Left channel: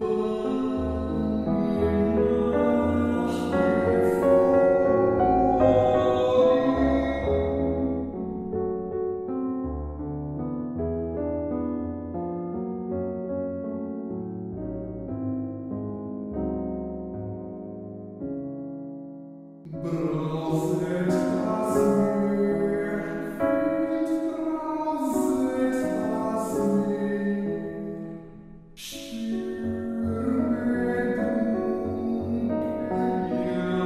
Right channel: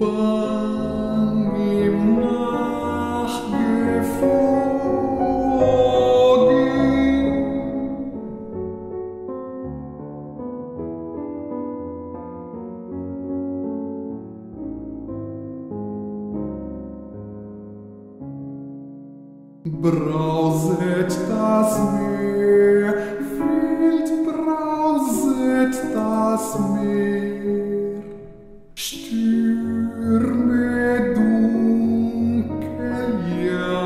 Bang ihm nachgeflogen. Brauset das Meer, wild brauset das Meer, Stürme dunkel jagen,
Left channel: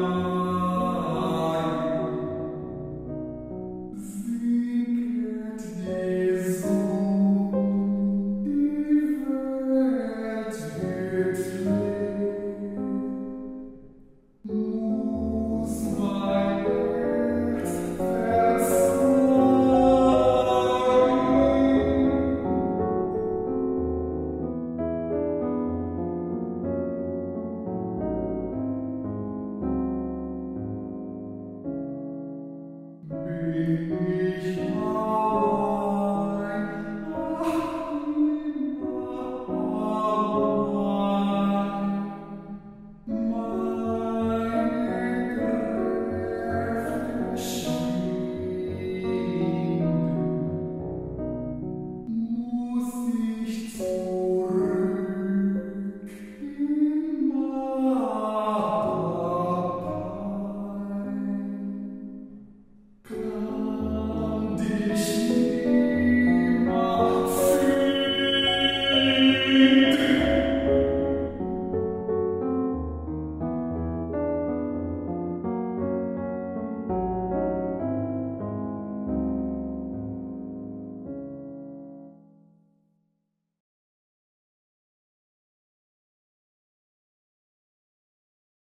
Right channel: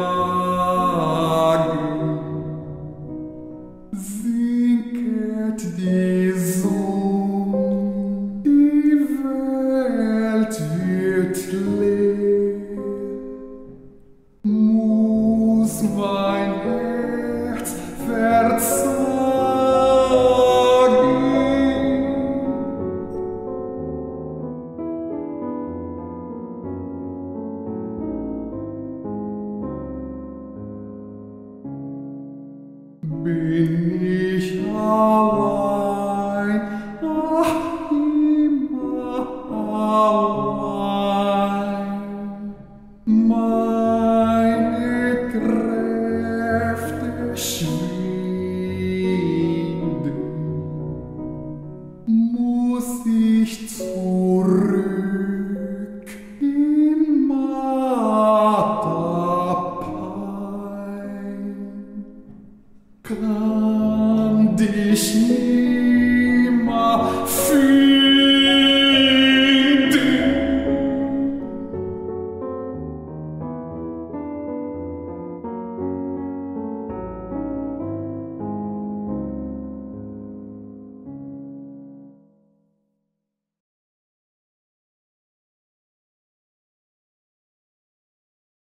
sinket die Sonne, die Welt wird leer. Muss mein Herz verzagen. Bin ich allein, ach, immer allein. Meine Kräfte schwinden, muss ich zurück in Matapain.